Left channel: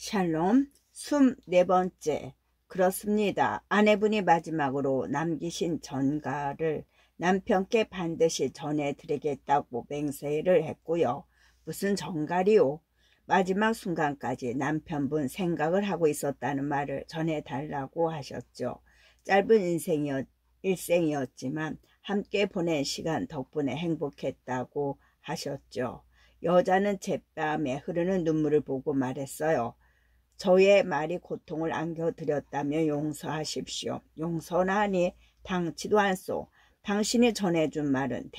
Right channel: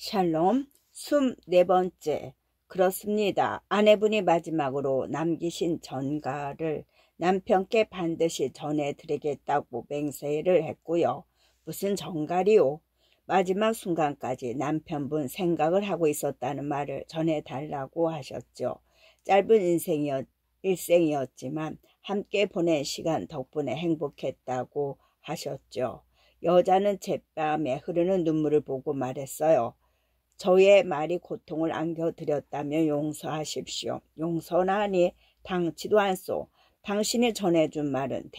샬롬 24번째. 그렇습니다. 아내분이 마지막으로 남기신 전가를 남편께 반드시 전해드리겠다고 맹세를 했고요. 무슨 전가리요? 마지막 순간까지 남편분 생각을 하고 있었다는 말을 전해달라고 하셨죠. 짧은 일생이었지만 함께 보낸 시간 덕분에 행복했다고 하셨죠. 여자는 제뺨에 흐르는 눈물을 보고 말했어요. 저의 말이 고통을 안겨드렸다면 용서하십시오. 용서나니 당치도 않소. 당신이 전해준 말은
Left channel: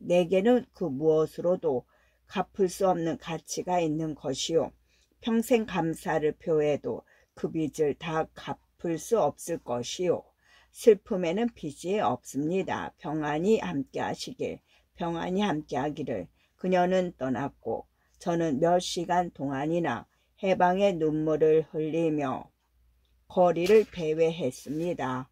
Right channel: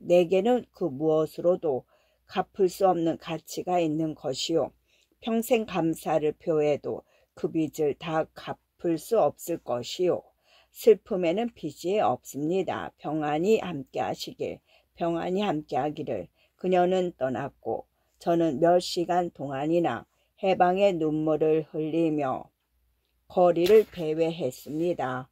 내게는 그 무엇으로도 갚을 수 없는 가치가 있는 것이요. 평생 감사를 표해도 그 빚을 다 갚을 수 없을 것이요. 슬픔에는 빚이 없습니다. 평안히 함께하시길, 평안히 함께하기를. 그녀는 떠났고 저는 몇 시간 동안이나 해방의 눈물을 흘리며 거리를 배회했습니다.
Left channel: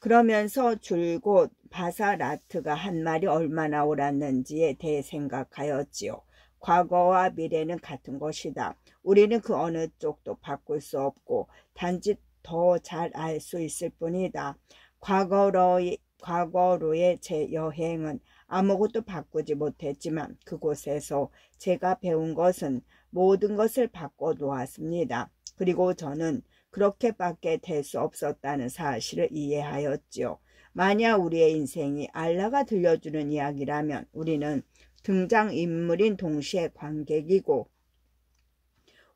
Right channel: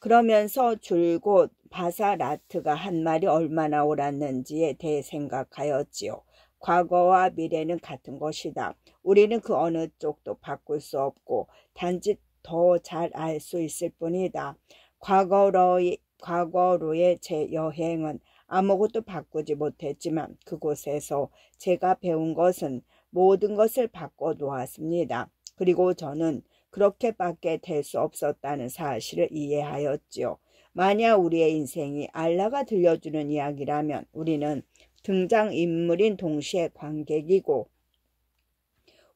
그러면서 줄곧 바사라트가 한 말이 얼마나 옳았는지에 대해 생각하였지요. 과거와 미래는 같은 것이다. 우리는 그 어느 쪽도 바꿀 수 없고 단지 더 잘 알 수 있을 뿐이다. 과거로의 제 여행은 아무것도 바꾸지 못했지만 그곳에서 제가 배운 것은 모든 것을 바꿔놓았습니다. 그리고 저는 그렇게밖에 될 수 없었다는 사실을 이해하였지요. 만약 우리의 인생이 알라가 들려주는 이야기라면 우리는 등장인물인 동시에 관객이고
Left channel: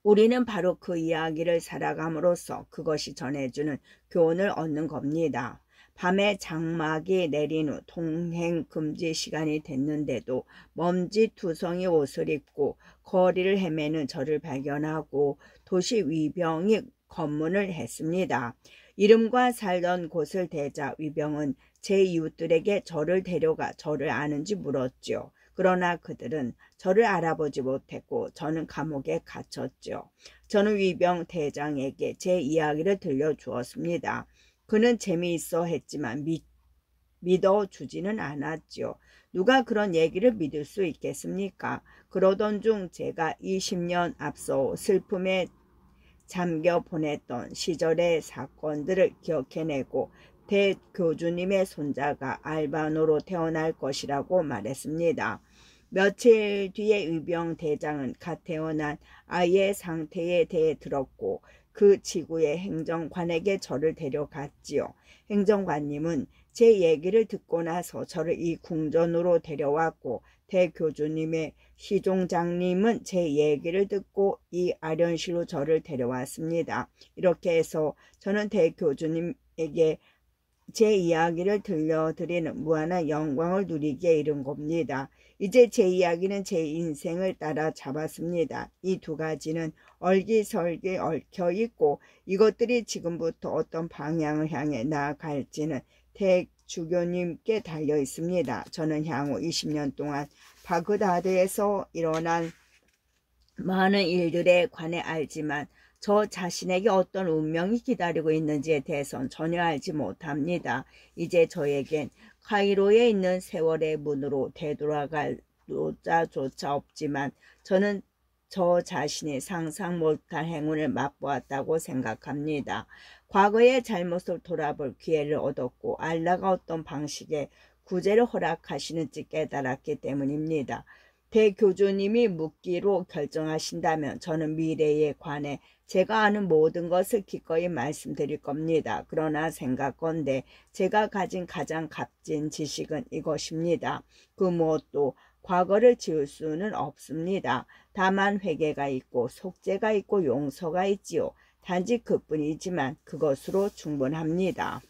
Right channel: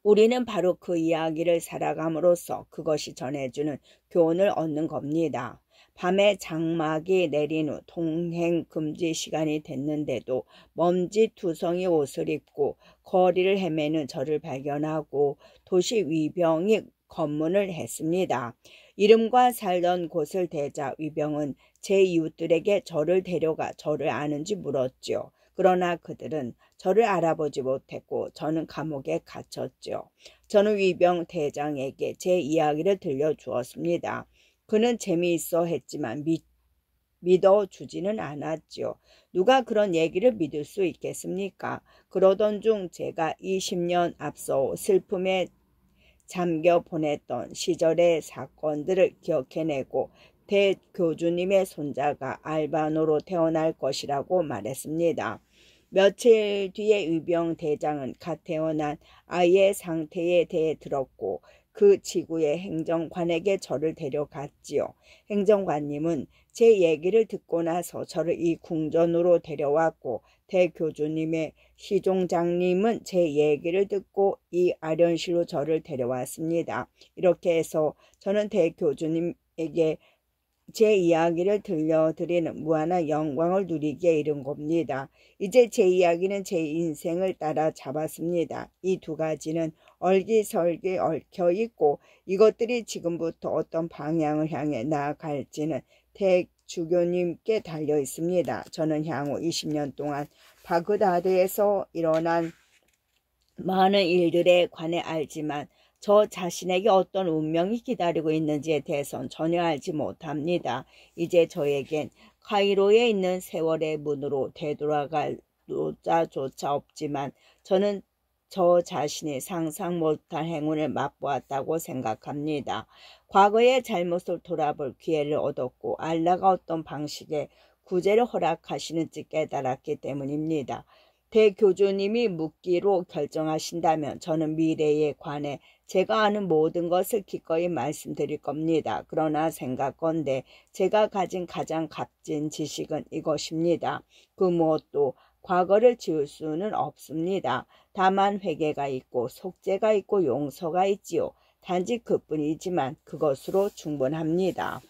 우리는 바로 그 이야기를 살아감으로써 그것이 전해주는 교훈을 얻는 겁니다. 밤에 장막이 내린 후 통행 금지 시간이 됐는데도 먼지투성이 옷을 입고 거리를 헤매는 저를 발견하고 도시 위병이 검문을 했습니다. 이름과 살던 곳을 대자 위병은 제 이웃들에게 저를 데려가 저를 아는지 물었죠. 그러나 그들은 저를 알아보지 못했고 저는 감옥에 갇혔죠. 저는 위병 대장에게 제 이야기를 들려주었습니다. 그는 재미있어 했지만 믿어주지는 않았죠. 누가 그런 얘기를 믿을 수 있겠습니까? 그러던 중 제가 20년 앞서 슬픔에 잠겨 보냈던 시절의 사건들을 기억해내고 대교주님의 손자가 알바노로 태어날 것이라고 말했습니다. 며칠 뒤에 위병 대장은 갓 태어난 아이의 상태에 대해 들었고 그 지구의 행정관에게 저를 데려갔지요. 행정관님은 제 얘기를 듣고 나서 저를 이 궁전으로 데려왔고 대교주님의 시종장님은 제 얘기를 듣고 이 아련실로 저를 데려왔습니다. 이렇게 해서 저는 대교주님에게 제 이야기를 들려드리는 무한한 영광을 누리기에 이른 겁니다. 이제 제 이야기는 제 인생을 따라잡았습니다. 이 두 가지는 얼기설기 얽혀있고 이것들이 지금부터 어떤 방향을 향해 나아갈지는 대주교님께 달려있습니다. 저는 향후 20년 동안 바그다드에서 일어난 많은 일들에 관해 알지만 저 자신에게 어떤 운명이 기다리고 있는지에 대해서는 전혀 알지 못합니다. 이제 저에겐 카이로에 있는 세월의 문으로 되돌아갈 노자조차 없지만 저는 저 자신이 상상 못할 행운을 맛보았다고 생각합니다. 과거의 잘못을 돌아볼 기회를 얻었고 알라가 어떤 방식의 구제를 허락하시는지 깨달았기 때문입니다. 대교주님이 묻기로 결정하신다면 저는 미래에 관해 제가 아는 모든 것을 기꺼이 말씀드릴 겁니다. 그러나 생각건대 제가 가진 가장 값진 지식은 이것입니다. 그 무엇도 과거를 지울 수는 없습니다. 다만 회개가 있고 속죄가 있고 용서가 있지요. 단지 그뿐이지만 그것으로 충분합니다.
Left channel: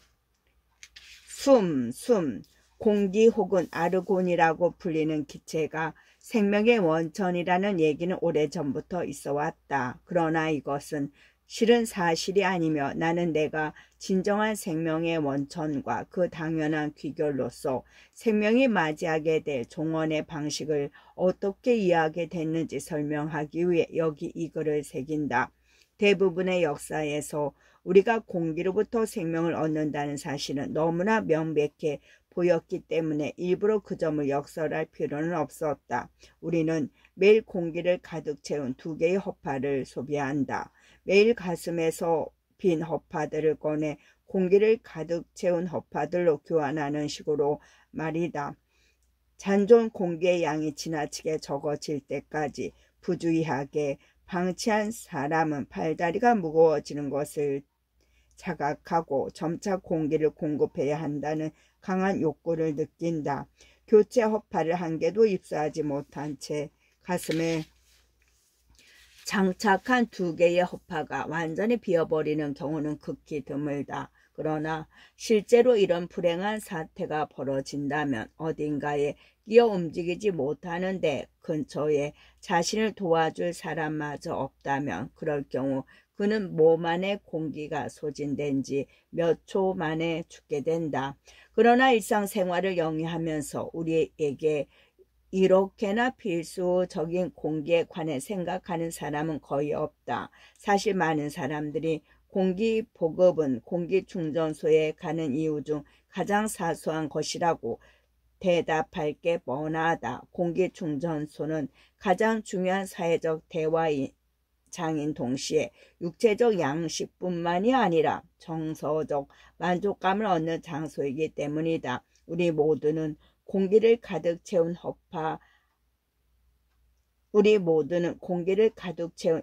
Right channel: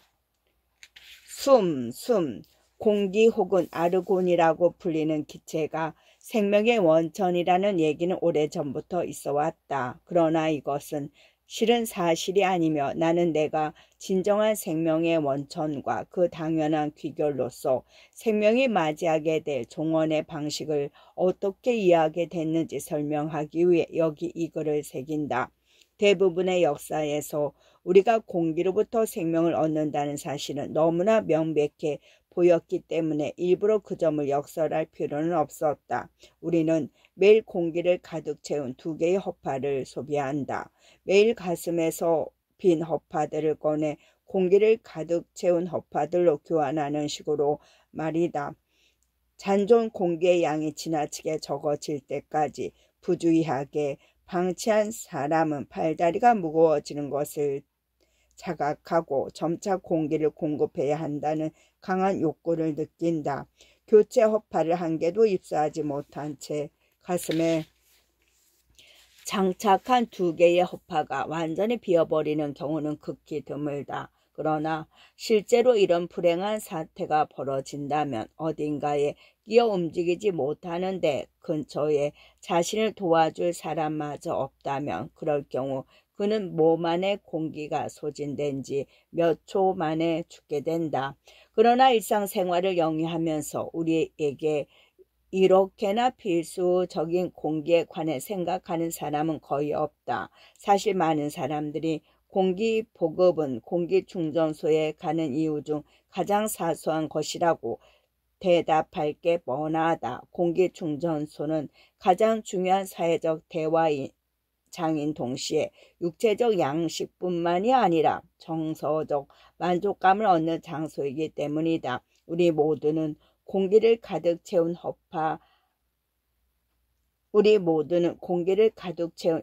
공기 혹은 아르곤이라고 불리는 기체가 생명의 원천이라는 얘기는 오래전부터 있어왔다. 그러나 이것은 실은 사실이 아니며 나는 내가 진정한 생명의 원천과 그 당연한 귀결로서 생명이 맞이하게 될 종언의 방식을 어떻게 이해하게 됐는지 설명하기 위해 여기 이 글을 새긴다. 대부분의 역사에서 우리가 공기로부터 생명을 얻는다는 사실은 너무나 명백해 보였기 때문에 일부러 그 점을 역설할 필요는 없었다. 우리는 매일 공기를 가득 채운 2개의 허파를 소비한다. 매일 가슴에서 빈 허파들을 꺼내 공기를 가득 채운 허파들로 교환하는 식으로 말이다. 잔존 공기의 양이 지나치게 적어질 때까지 부주의하게 방치한 사람은 팔다리가 무거워지는 것을 자각하고 점차 공기를 공급해야 한다는 강한 욕구를 느낀다. 교체 허파를 한 개도 입수하지 못한 채 가슴에 장착한 2개의 허파가 완전히 비어버리는 경우는 극히 드물다. 그러나 실제로 이런 불행한 사태가 벌어진다면 어딘가에 끼어 움직이지 못하는데 근처에 자신을 도와줄 사람마저 없다면 그럴 경우 그는 몸 안에 공기가 소진된 지 몇 초 만에 죽게 된다. 그러나 일상생활을 영위하면서 우리에게 이렇게나 필수적인 공기에 관해 생각하는 사람은 거의 없다. 사실 많은 사람들이 공기 보급은 공기 충전소에 가는 이유 중 가장 사소한 것이라고 대답할 게 뻔하다. 공기 충전소는 가장 중요한 사회적 대화장인 동시에 육체적 양식뿐만이 아니라 정서적 만족감을 얻는 장소이기 때문이다. 우리 모두는 공기를 가득 채운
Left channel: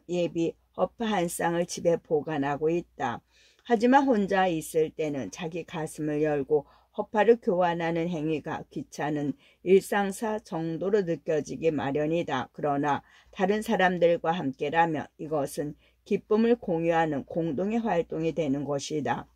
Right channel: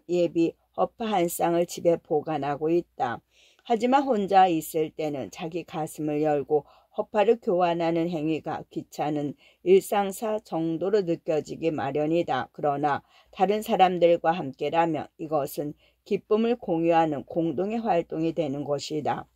예비 허파 한 쌍을 집에 보관하고 있다. 하지만 혼자 있을 때는 자기 가슴을 열고 허파를 교환하는 행위가 귀찮은 일상사 정도로 느껴지기 마련이다. 그러나 다른 사람들과 함께라면 이것은 기쁨을 공유하는 공동의 활동이 되는 것이다.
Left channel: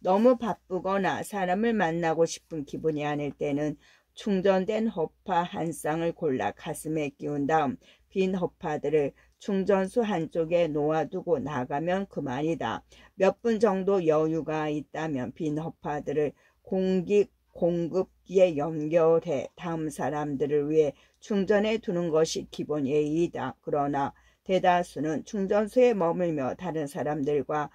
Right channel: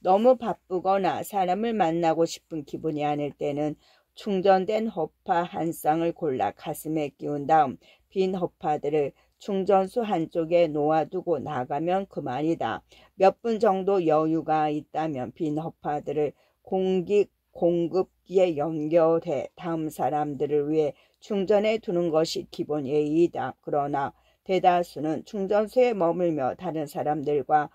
너무 바쁘거나 사람을 만나고 싶은 기분이 아닐 때는 충전된 허파 한 쌍을 골라 가슴에 끼운 다음 빈 허파들을 충전소 한쪽에 놓아두고 나가면 그만이다. 몇 분 정도 여유가 있다면 빈 허파들을 공기 공급기에 연결해 다음 사람들을 위해 충전해 두는 것이 기본 예의이다. 그러나 대다수는 충전소에 머물며 다른 사람들과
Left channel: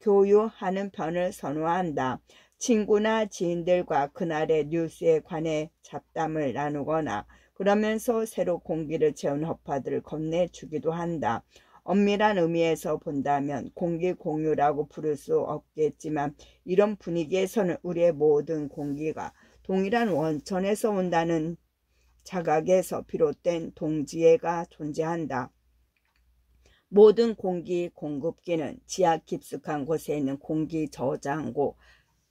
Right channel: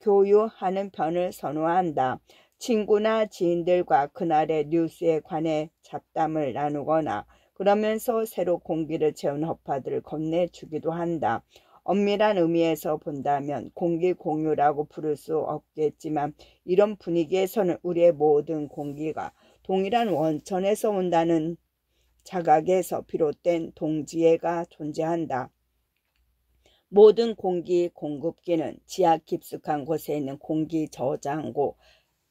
교유하는 편을 선호한다. 친구나 지인들과 그날의 뉴스에 관해 잡담을 나누거나 그러면서 새로 공기를 채운 허파들을 건네주기도 한다. 엄밀한 의미에서 본다면 공기 공유라고 부를 수 없겠지만 이런 분위기에서는 우리의 모든 공기가 동일한 원천에서 온다는 자각에서 비롯된 동지애가 존재한다. 모든 공기 공급기는 지하 깊숙한 곳에 있는 공기 저장고,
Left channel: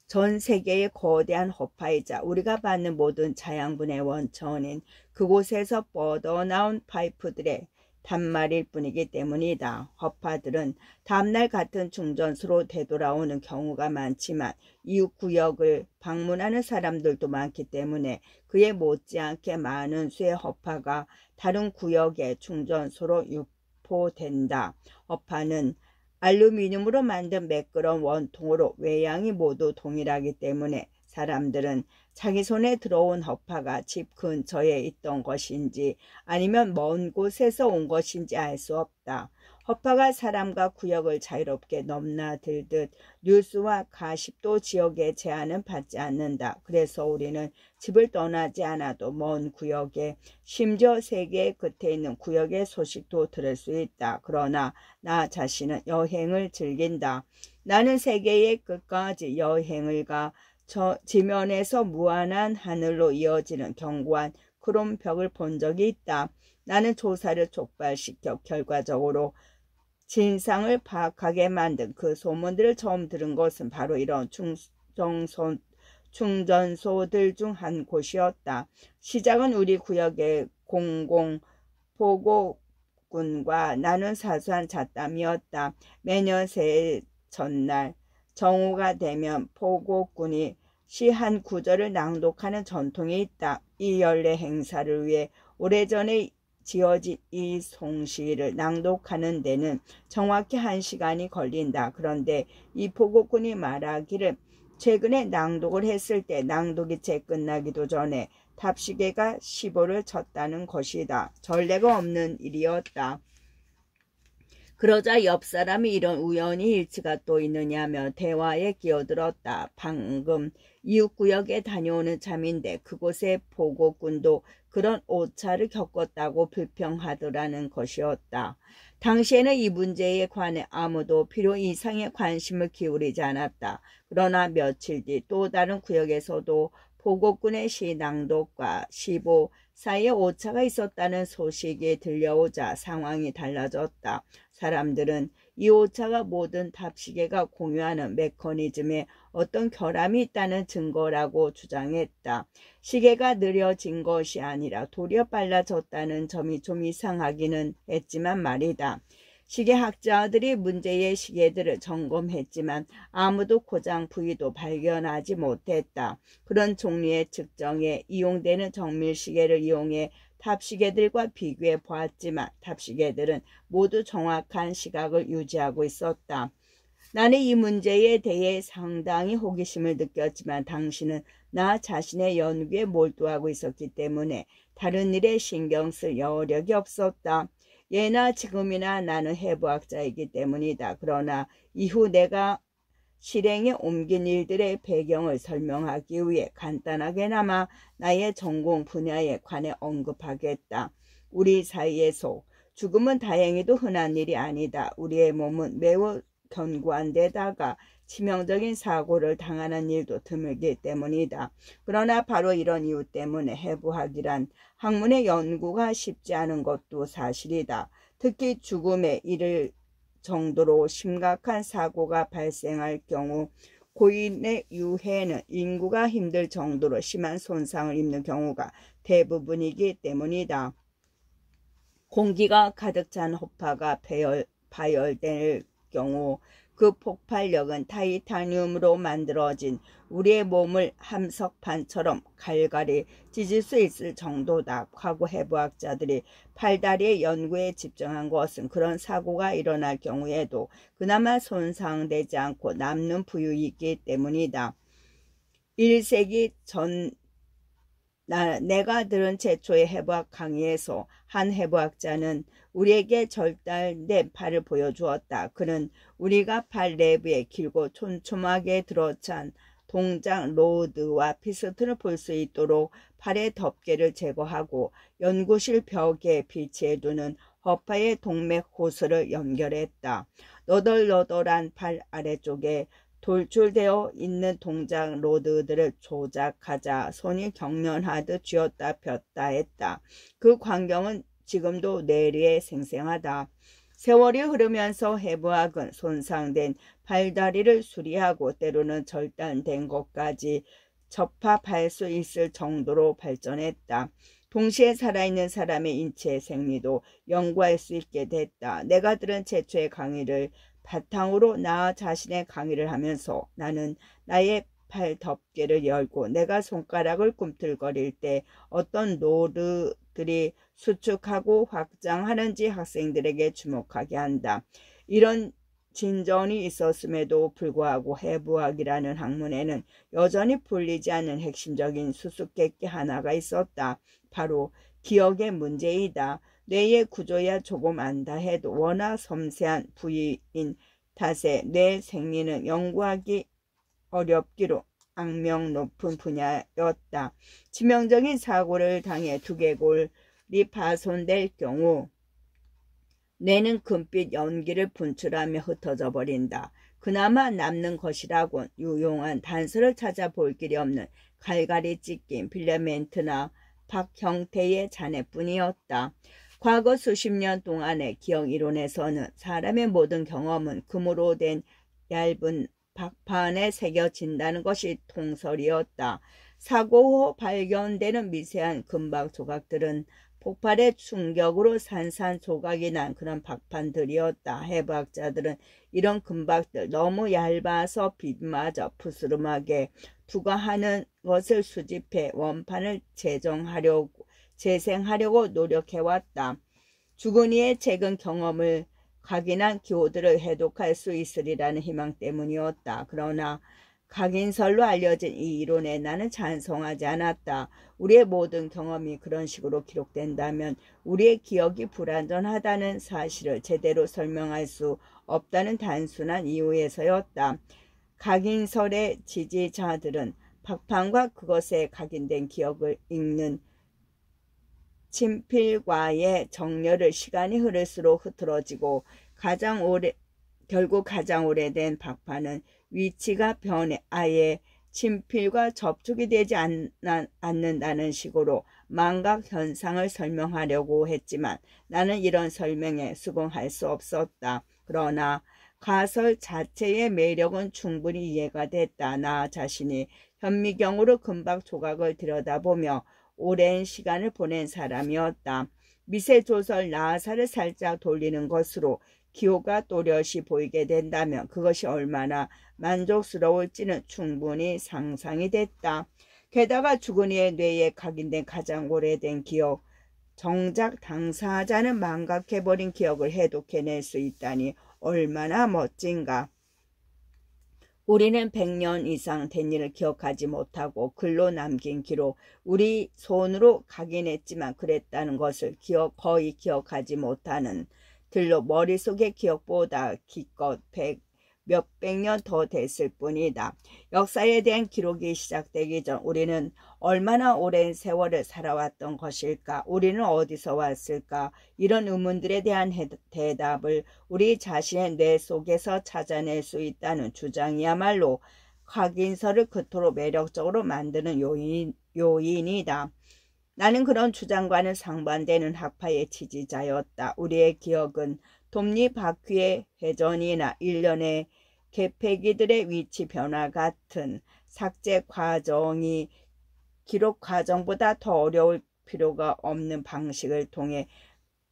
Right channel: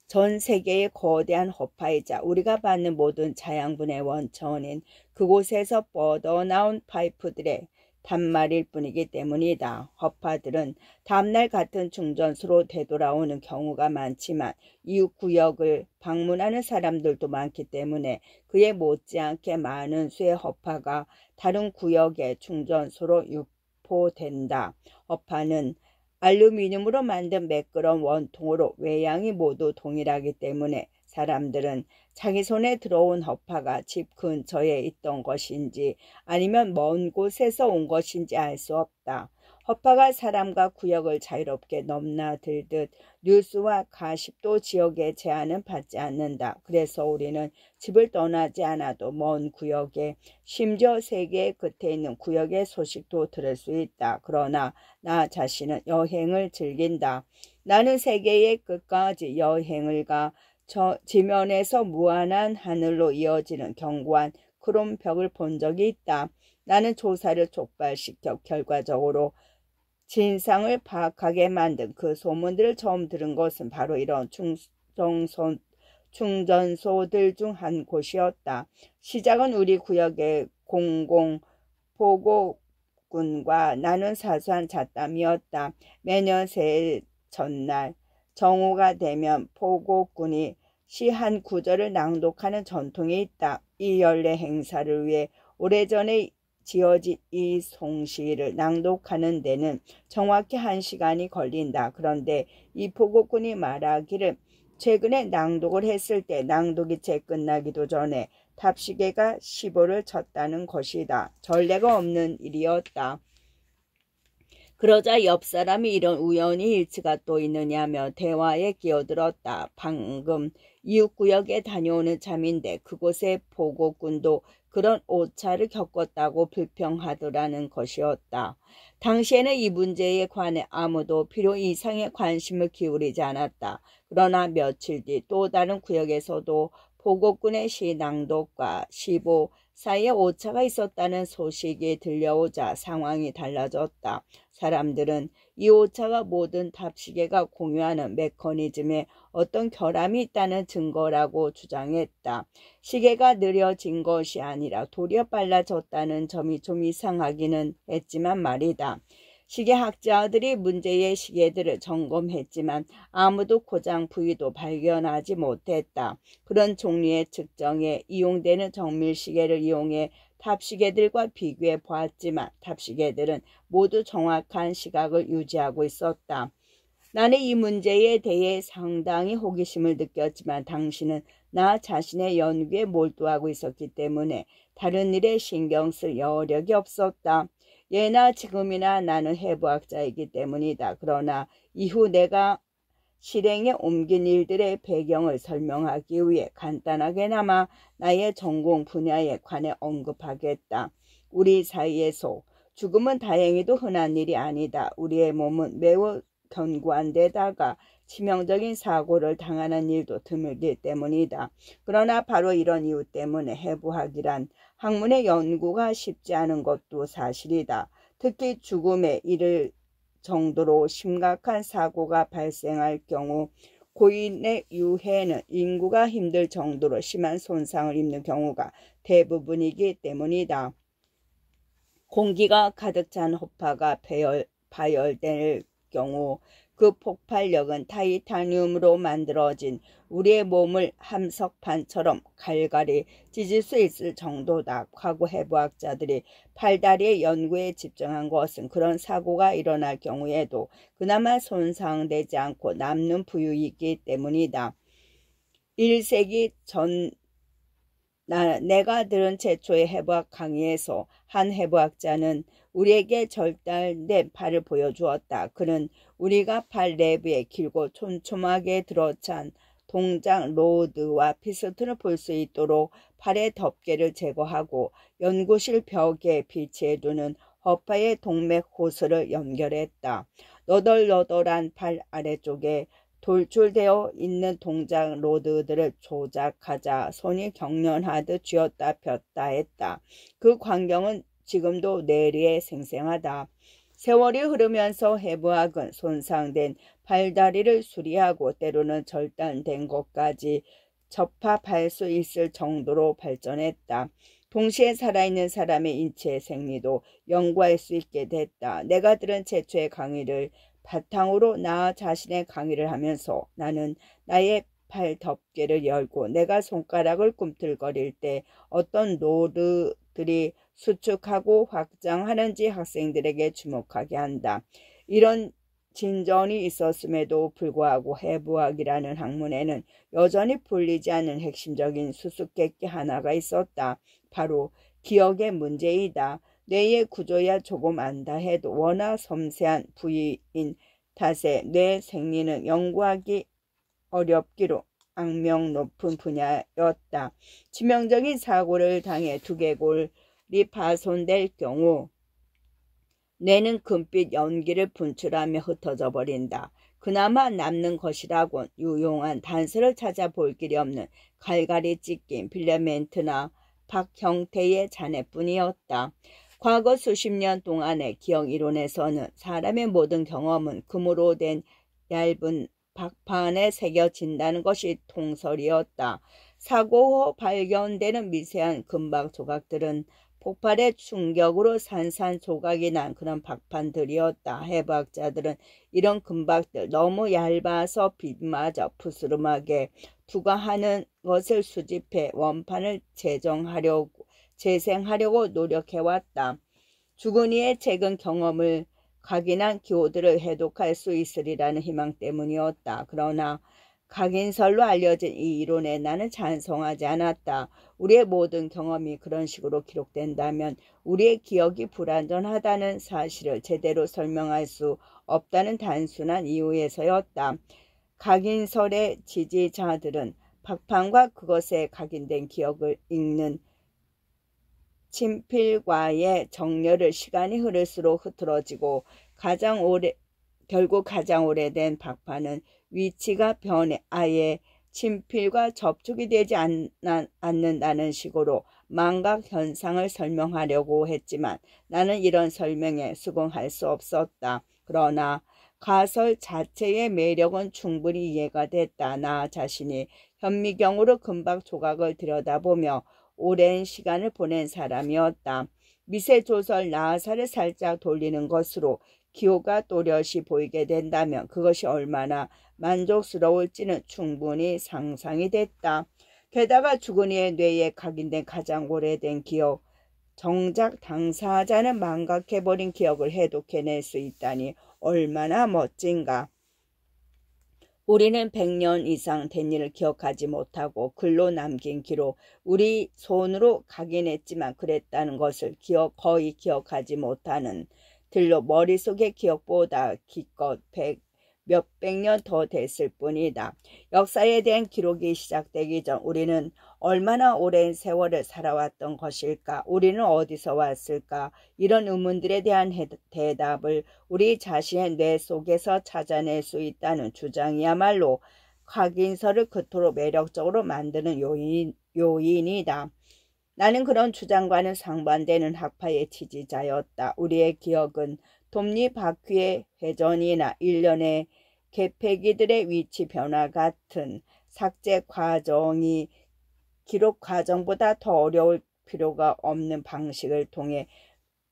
전 세계의 거대한 허파이자 우리가 받는 모든 자양분의 원천인 그곳에서 뻗어나온 파이프들의 단말일 뿐이기 때문이다. 허파들은 다음날 같은 충전소로 되돌아오는 경우가 많지만 이웃 구역을 방문하는 사람들도 많기 때문에 그에 못지않게 많은 수의 허파가 다른 구역의 충전소로 유포된다. 허파는 알루미늄으로 만든 매끄러운 원통으로 외양이 모두 동일하기 때문에 사람들은 자기 손에 들어온 허파가 집 근처에 있던 것인지 아니면 먼 곳에서 온 것인지 알 수 없다. 허파가 사람과 구역을 자유롭게 넘나들듯 뉴스와 가십도 지역의 제한은 받지 않는다. 그래서 우리는 집을 떠나지 않아도 먼 구역에, 심지어 세계의 끝에 있는 구역의 소식도 들을 수 있다. 그러나 나 자신은 여행을 즐긴다. 나는 세계의 끝까지 여행을 가 지면에서 무한한 하늘로 이어지는 견고한 크롬 벽을 본 적이 있다. 나는 조사를 촉발시켜 결과적으로 진상을 파악하게 만든 그 소문들을 처음 들은 것은 바로 이런 충전소들 중 한 곳이었다. 시작은 우리 구역의 공공보고군과 나눈 사소한 잡담이었다. 매년 새해 전날 정오가 되면 보고군이 시 한 구절을 낭독하는 전통이 있다. 이 연례 행사를 위해 오래전에 지어진 이 송시를 낭독하는 데는 정확히 1시간이 걸린다. 그런데 이 보고군이 말하기를 최근에 낭독을 했을 때 낭독이 채 끝나기도 전에 탑시계가 15를 쳤다는 것이다. 전례가 없는 일이었다. 그러자 옆 사람이 이런 우연히 일치가 또 있느냐며 대화에 끼어들었다. 방금 이웃구역에 다녀오는 참인데 그곳의 보고꾼도 그런 오차를 겪었다고 불평하더라는 것이었다. 당시에는 이 문제에 관해 아무도 필요 이상의 관심을 기울이지 않았다. 그러나 며칠 뒤 또 다른 구역에서도 보고꾼의 시 낭독과 시보 사이에 오차가 있었다는 소식이 들려오자 상황이 달라졌다. 사람들은 이 오차가 모든 답시계가 공유하는 메커니즘에 어떤 결함이 있다는 증거라고 주장했다. 시계가 느려진 것이 아니라 도리어 빨라졌다는 점이 좀 이상하기는 했지만 말이다. 시계학자들이 문제의 시계들을 점검했지만 아무도 고장 부위도 발견하지 못했다. 그런 종류의 측정에 이용되는 정밀시계를 이용해 탑시계들과 비교해 보았지만 탑시계들은 모두 정확한 시각을 유지하고 있었다. 나는 이 문제에 대해 상당히 호기심을 느꼈지만 당신은 나 자신의 연구에 몰두하고 있었기 때문에 다른 일에 신경 쓸 여력이 없었다. 예나 지금이나 나는 해부학자이기 때문이다. 그러나 이후 내가 실행에 옮긴 일들의 배경을 설명하기 위해 간단하게나마 나의 전공 분야에 관해 언급하겠다. 우리 사이에서 죽음은 다행히도 흔한 일이 아니다. 우리의 몸은 매우 견고한 데다가 치명적인 사고를 당하는 일도 드물기 때문이다. 그러나 바로 이런 이유 때문에 해부학이란 학문의 연구가 쉽지 않은 것도 사실이다. 특히 죽음에 이를 정도로 심각한 사고가 발생할 경우 고인의 유해는 인구가 힘들 정도로 심한 손상을 입는 경우가 대부분이기 때문이다. 공기가 가득 찬 호파가 파열될 경우 그 폭발력은 타이타늄으로 만들어진 우리의 몸을 함석판처럼 갈갈이 찢을 수 있을 정도다. 과거 해부학자들이 팔다리의 연구에 집중한 것은 그런 사고가 일어날 경우에도 그나마 손상되지 않고 남는 부유이기 때문이다. 1세기 전 내가 들은 최초의 해부학 강의에서 한 해부학자는 우리에게 절단된 팔을 보여주었다. 그는 우리가 팔 내부에 길고 촘촘하게 들어찬 동작 로드와 피스톤을 볼 수 있도록 팔의 덮개를 제거하고 연구실 벽에 비치해두는 허파의 동맥 호스를 연결했다. 너덜너덜한 팔 아래쪽에 돌출되어 있는 동작 로드들을 조작하자 손이 경련하듯 쥐었다 폈다 했다. 그 광경은 지금도 뇌리에 생생하다. 세월이 흐르면서 해부학은 손상된 팔다리를 수리하고 때로는 절단된 것까지 접합할 수 있을 정도로 발전했다. 동시에 살아있는 사람의 인체 생리도 연구할 수 있게 됐다. 내가 들은 최초의 강의를 바탕으로 나 자신의 강의를 하면서 나는 나의 팔 덮개를 열고 내가 손가락을 꿈틀거릴 때 어떤 노드들이 수축하고 확장하는지 학생들에게 주목하게 한다. 이런 진전이 있었음에도 불구하고 해부학이라는 학문에는 여전히 풀리지 않는 핵심적인 수수께끼 하나가 있었다. 바로 기억의 문제이다. 뇌의 구조야 조금 안다 해도 워낙 섬세한 부위인 탓에 뇌 생리는 연구하기 어렵기로 악명 높은 분야였다. 치명적인 사고를 당해 두개골이 파손될 경우 뇌는 금빛 연기를 분출하며 흩어져 버린다. 그나마 남는 것이라곤 유용한 단서를 찾아볼 길이 없는 갈갈이 찢긴 필라멘트나 박 형태의 잔해뿐이었다. 과거 수십 년 동안의 기억 이론에서는 사람의 모든 경험은 금으로 된 얇은 박판에 새겨진다는 것이 통설이었다. 사고 후 발견되는 미세한 금박 조각들은 폭발의 충격으로 산산조각이 난 그런 박판들이었다. 해부학자들은 이런 금박들 너무 얇아서 빛마저 푸스름하게 투과하는 것을 수집해 원판을 재생하려고 노력해왔다. 죽은 이의 최근 경험을 각인한 기호들을 해독할 수 있으리라는 희망 때문이었다. 그러나 각인설로 알려진 이 이론에 나는 찬성하지 않았다. 우리의 모든 경험이 그런 식으로 기록된다면 우리의 기억이 불완전하다는 사실을 제대로 설명할 수 없다는 단순한 이유에서였다. 각인설의 지지자들은 박판과 그것에 각인된 기억을 읽는 친필과의 정렬을 시간이 흐를수록 흐트러지고 결국 가장 오래된 박판은 위치가 변해 아예 친필과 접촉이 되지 않는다는 식으로 망각 현상을 설명하려고 했지만 나는 이런 설명에 수긍할 수 없었다. 그러나 가설 자체의 매력은 충분히 이해가 됐다. 나 자신이 현미경으로 금박 조각을 들여다보며 오랜 시간을 보낸 사람이었다. 미세조설 나사를 살짝 돌리는 것으로 기호가 또렷이 보이게 된다면 그것이 얼마나 만족스러울지는 충분히 상상이 됐다. 게다가 죽은 이의 뇌에 각인된 가장 오래된 기억, 정작 당사자는 망각해버린 기억을 해독해낼 수 있다니 얼마나 멋진가. 우리는 100년 이상 된 일을 기억하지 못하고 글로 남긴 기록, 우리 손으로 각인했지만 그랬다는 것을 거의 기억하지 못하는 들로 머릿속의 기억보다 기껏 몇백 년 더 됐을 뿐이다. 역사에 대한 기록이 시작되기 전 우리는 얼마나 오랜 세월을 살아왔던 것일까? 우리는 어디서 왔을까? 이런 의문들에 대한 대답을 우리 자신의 뇌 속에서 찾아낼 수 있다는 주장이야말로 각인설을 그토록 매력적으로 만드는 요인이다. 나는 그런 주장과는 상반되는 학파의 지지자였다. 우리의 기억은 톱니바퀴의 회전이나 일련의 개폐기들의 위치 변화 같은 삭제 과정이 기록 과정보다 더 어려울 필요가 없는 방식을 통해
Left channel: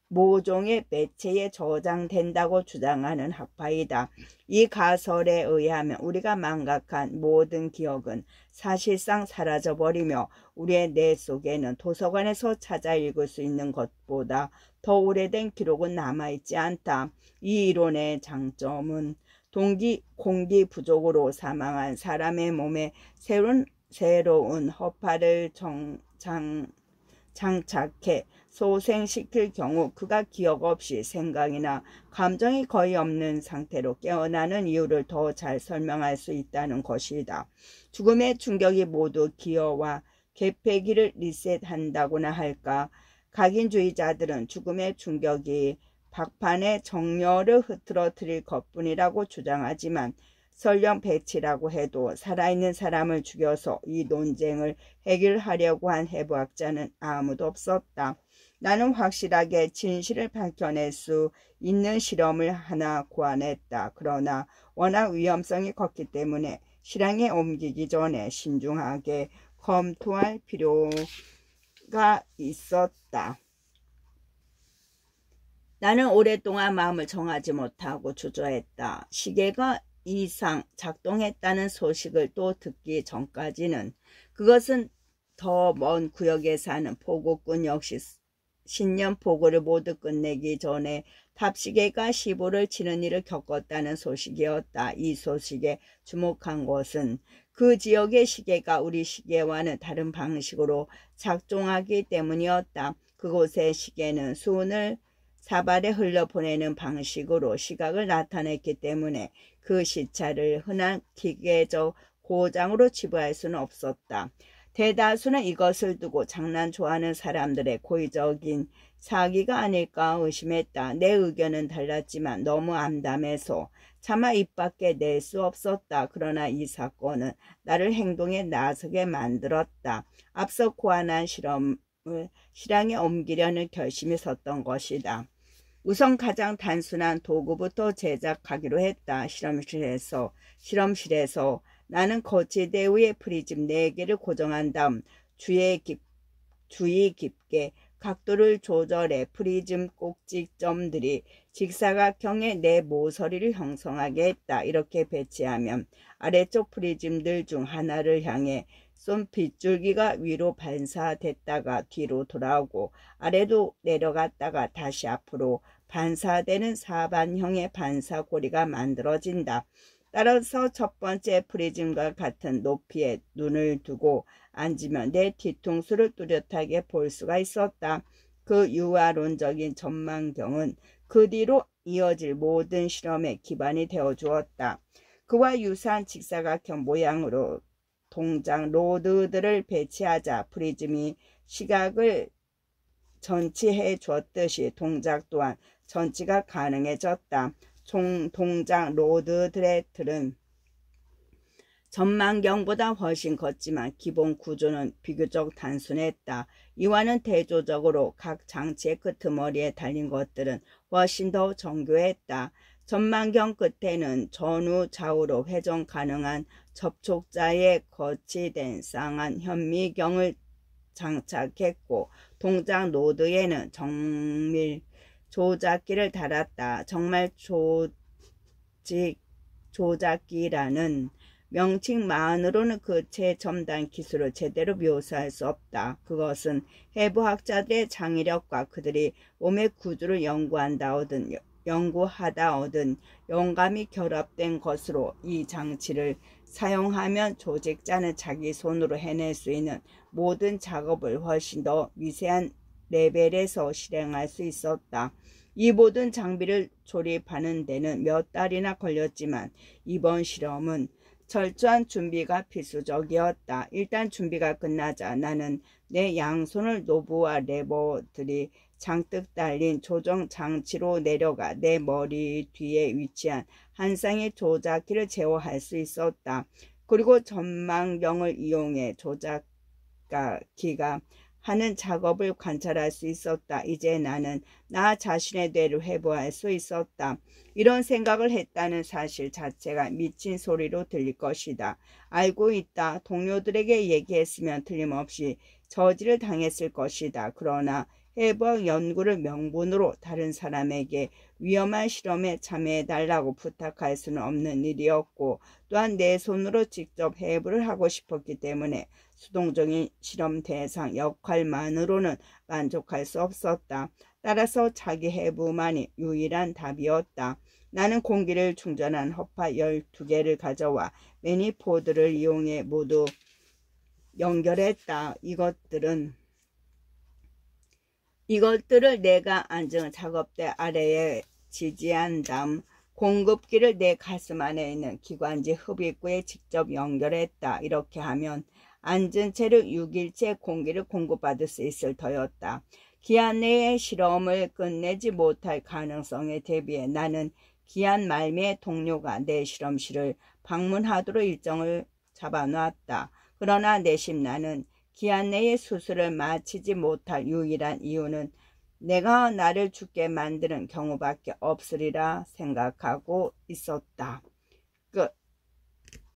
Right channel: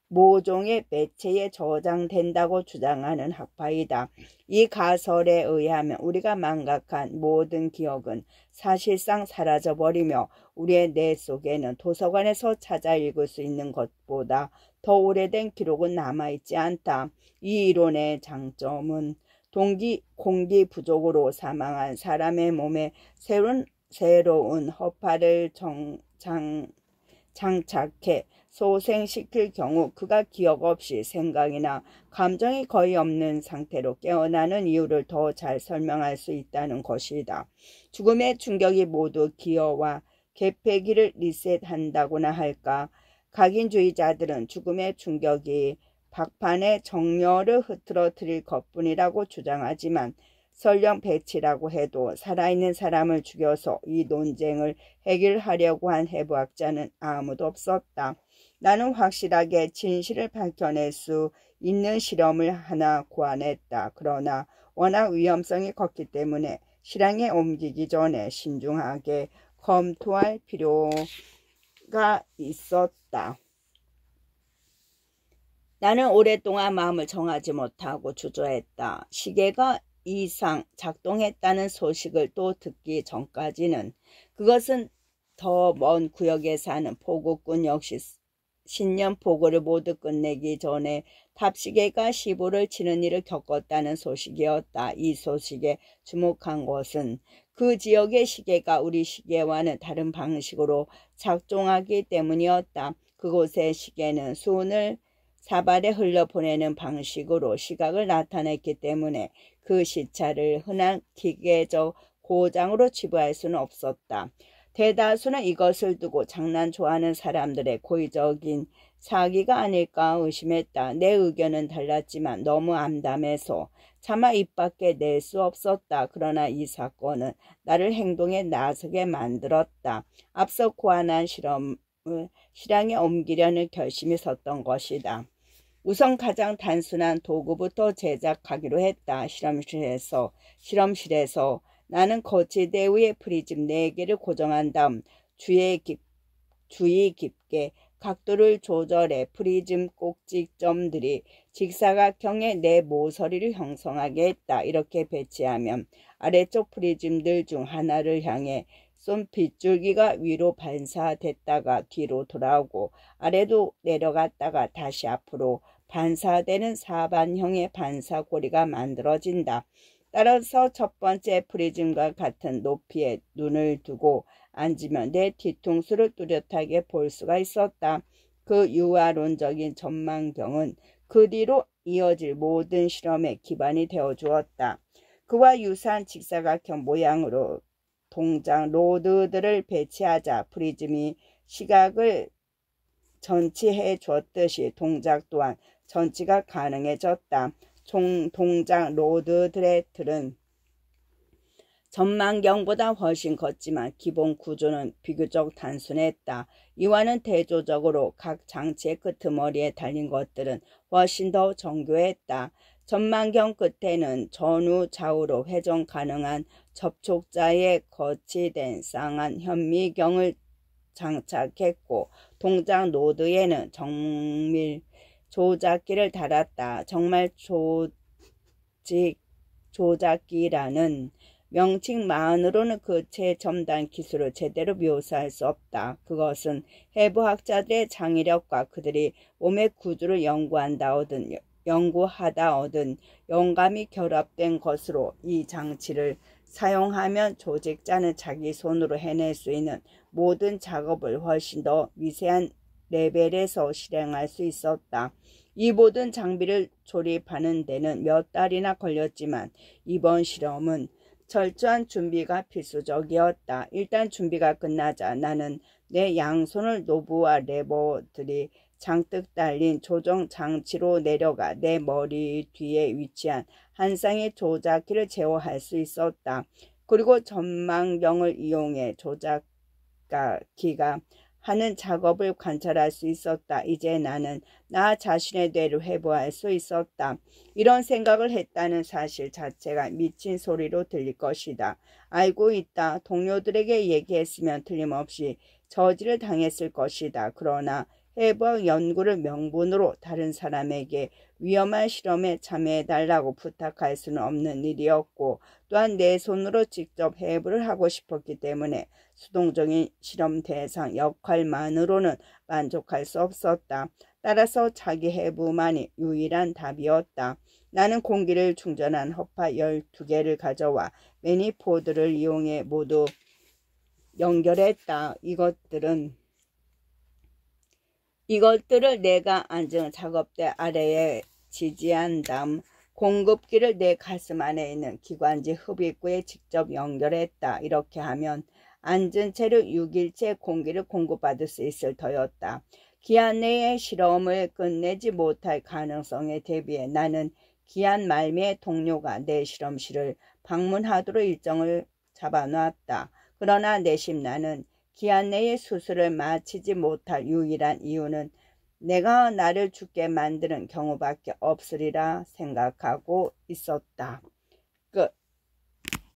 모종의 매체에 저장된다고 주장하는 학파이다. 이 가설에 의하면 우리가 망각한 모든 기억은 사실상 사라져버리며 우리의 뇌 속에는 도서관에서 찾아 읽을 수 있는 것보다 더 오래된 기록은 남아있지 않다. 이 이론의 장점은 공기 부족으로 사망한 사람의 몸에 새로운 허파를 장착해 소생시킬 경우 그가 기억 없이 생각이나 감정이 거의 없는 상태로 깨어나는 이유를 더 잘 설명할 수 있다는 것이다. 죽음의 충격이 모두 기어와 개폐기를 리셋한다고나 할까? 각인주의자들은 죽음의 충격이 박판의 정렬을 흐트러뜨릴 것뿐이라고 주장하지만 설령 배치라고 해도 살아있는 사람을 죽여서 이 논쟁을 해결하려고 한 해부학자는 아무도 없었다. 나는 확실하게 진실을 밝혀낼 수 있는 실험을 하나 고안했다. 그러나 워낙 위험성이 컸기 때문에 실행에 옮기기 전에 신중하게 검토할 필요가 있었다. 나는 오랫동안 마음을 정하지 못하고 주저했다. 시계가 이상 작동했다는 소식을 또 듣기 전까지는 그것은 더 먼 구역에 사는 포구꾼 역시 신년포고를 모두 끝내기 전에 탑시계가 시보를 치는 일을 겪었다는 소식이었다. 이 소식에 주목한 것은 그 지역의 시계가 우리 시계와는 다른 방식으로 작동하기 때문이었다. 그곳의 시계는 수은을 사발에 흘려보내는 방식으로 시각을 나타냈기 때문에 그 시차를 흔한 기계적 고장으로 치부할 수는 없었다. 대다수는 이것을 두고 장난 좋아하는 사람들의 고의적인 사기가 아닐까 의심했다. 내 의견은 달랐지만 너무 암담해서 차마 입 밖에 낼 수 없었다. 그러나 이 사건은 나를 행동에 나서게 만들었다. 앞서 고안한 실험을 실행에 옮기려는 결심이 섰던 것이다. 우선 가장 단순한 도구부터 제작하기로 했다. 실험실에서 나는 거치대 위에 프리즘 4개를 고정한 다음 주의 깊게 각도를 조절해 프리즘 꼭지점들이 직사각형의 내 모서리를 형성하게 했다. 이렇게 배치하면 아래쪽 프리즘들 중 하나를 향해 쏜 빗줄기가 위로 반사됐다가 뒤로 돌아오고 아래로 내려갔다가 다시 앞으로 반사되는 사반형의 반사고리가 만들어진다. 따라서 첫 번째 프리즘과 같은 높이에 눈을 두고 앉으면 내 뒤통수를 뚜렷하게 볼 수가 있었다. 그 유화론적인 전망경은 그 뒤로 이어질 모든 실험의 기반이 되어 주었다. 그와 유사한 직사각형 모양으로 동작 로드들을 배치하자 프리즘이 시각을 전치해 주었듯이 동작 또한 전치가 가능해졌다. 동작 로드들의 틀은 전망경보다 훨씬 컸지만 기본 구조는 비교적 단순했다. 이와는 대조적으로 각 장치의 끄트머리에 달린 것들은 훨씬 더 정교했다. 전망경 끝에는 전후 좌우로 회전 가능한 접촉자에 거치된 쌍안 현미경을 장착했고 동작 노드에는 정밀 조작기를 달았다. 정말 조작기라는 명칭만으로는 그 최첨단 기술을 제대로 묘사할 수 없다. 그것은 해부학자들의 창의력과 그들이 몸의 구조를 연구하다 얻은 영감이 결합된 것으로 이 장치를 사용하면 조직자는 자기 손으로 해낼 수 있는 모든 작업을 훨씬 더 미세한 레벨에서 실행할 수 있었다. 이 모든 장비를 조립하는 데는 몇 달이나 걸렸지만 이번 실험은 철저한 준비가 필수적이었다. 일단 준비가 끝나자 나는 내 양손을 노브와 레버들이 장뜩 달린 조정 장치로 내려가 내 머리 뒤에 위치한 한 쌍의 조작기를 제어할 수 있었다. 그리고 전망경을 이용해 조작기가 하는 작업을 관찰할 수 있었다. 이제 나는 나 자신의 뇌를 회복할 수 있었다. 이런 생각을 했다는 사실 자체가 미친 소리로 들릴 것이다. 알고 있다. 동료들에게 얘기했으면 틀림없이 저지를 당했을 것이다. 그러나 해부학 연구를 명분으로 다른 사람에게 위험한 실험에 참여해달라고 부탁할 수는 없는 일이었고 또한 내 손으로 직접 해부를 하고 싶었기 때문에 수동적인 실험 대상 역할만으로는 만족할 수 없었다. 따라서 자기 해부만이 유일한 답이었다. 나는 공기를 충전한 허파 12개를 가져와 매니포드를 이용해 모두 연결했다. 이것들을 내가 앉은 작업대 아래에 지지한 다음 공급기를 내 가슴 안에 있는 기관지 흡입구에 직접 연결했다. 이렇게 하면 앉은 채로 6일째 공기를 공급받을 수 있을 터였다. 기한 내에 실험을 끝내지 못할 가능성에 대비해 나는 기한 말미에 동료가 내 실험실을 방문하도록 일정을 잡아놨다. 그러나 내심 나는 기한 내에 수술을 마치지 못할 유일한 이유는 내가 나를 죽게 만드는 경우밖에 없으리라 생각하고 있었다.